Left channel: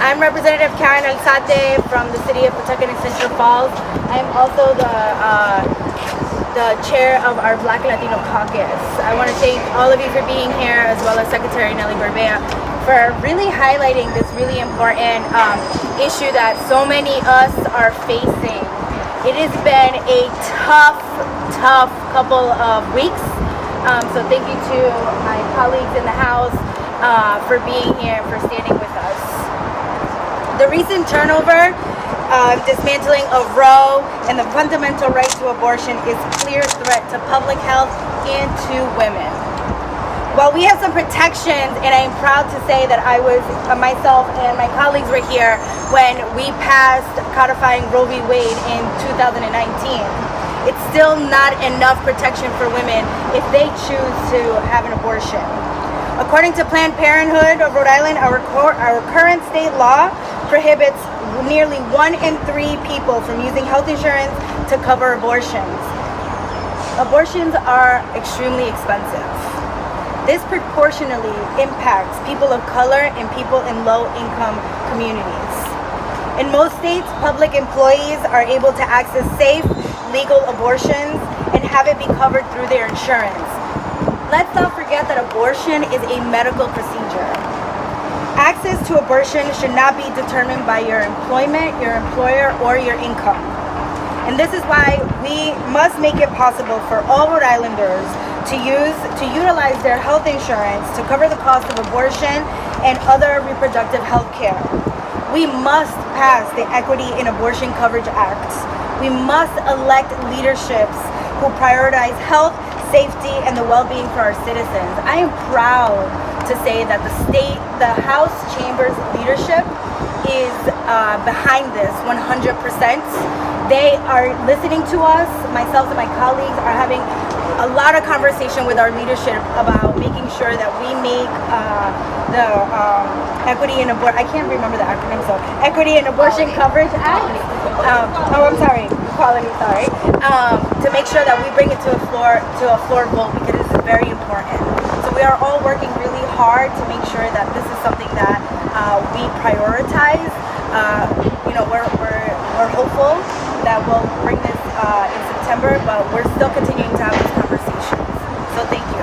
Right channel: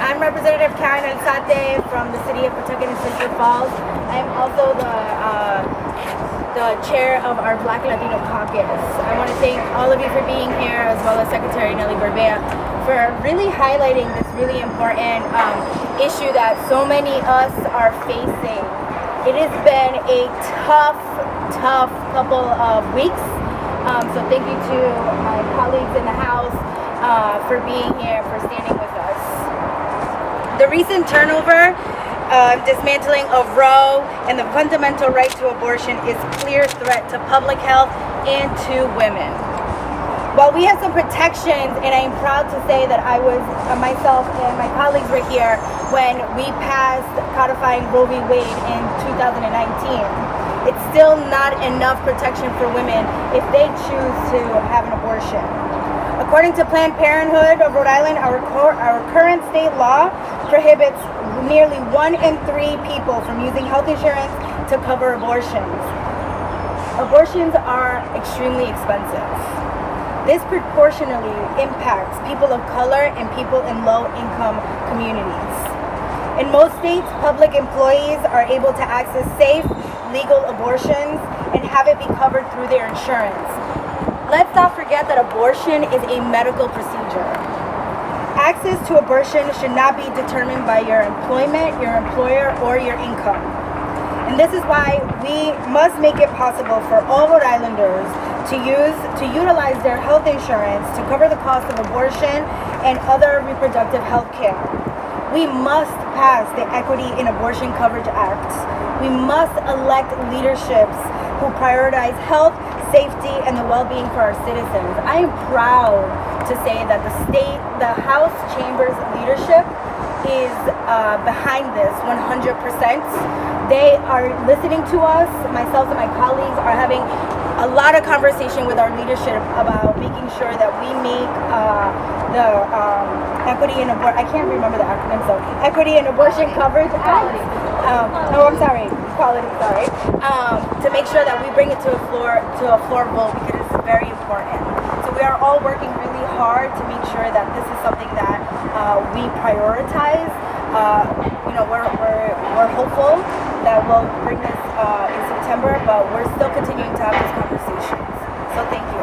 I'm Representative Satay from the city of Pawtucket and Central Falls. I am also the chair of our Black Latino Caucus. I want to thank all of you for being here, as well as Secretary Nelly Garvey, for really highlighting this really important issue that so many of us are facing. It has been a tough couple of weeks. So thank you to my colleagues in the House for being here, for standing with us. The recent turnover, dismantling of Roe and the fundamental right to abortion is a clear threat to public health and to women. While we have some protections, and I'm proud to say that I was, myself and my colleagues were here when we passed codifying Roe v. Wade in 2019, it's still not enough protection for women if they choose to have an abortion. According to Planned Parenthood of Rhode Island, our current state law prohibits nearly 1 in 3 people from using health insurance to cover abortions. Abortions are extremely expensive. This proportionally impacts people of color and people in low-income communities. In most states, public employees are able to access safe, legal abortions and have it be covered through their insurance. Let's not forget that abortion is a medical procedure. Access to abortion should not be determined by your employment, your employer, or your income. And this is why we must make it possible for all Rhode Islanders to utilize their health insurance to cover the cost of abortion and other reproductive health care. We must pass the Equity in Abortion Coverage Act. We must elect leaderships who prioritize health, safety, and the well-being for our citizens. I am proud to say that the House Chamber's leadership is behind this 100%. They are listening to us. Myself and my colleagues are having a lot of conversation with our leadership about making sure that we make the Equity in Abortion, I can't remember the acronym, so Equity in Abortion Coverage Act. Equality, sorry. To make sure that we bring it to a floor vote, because this is very important. So we are all working really hard to make sure that this is something that we prioritize. We're hopeful that we'll bring this in September, but we're still continuing to have these conversations. So thank you.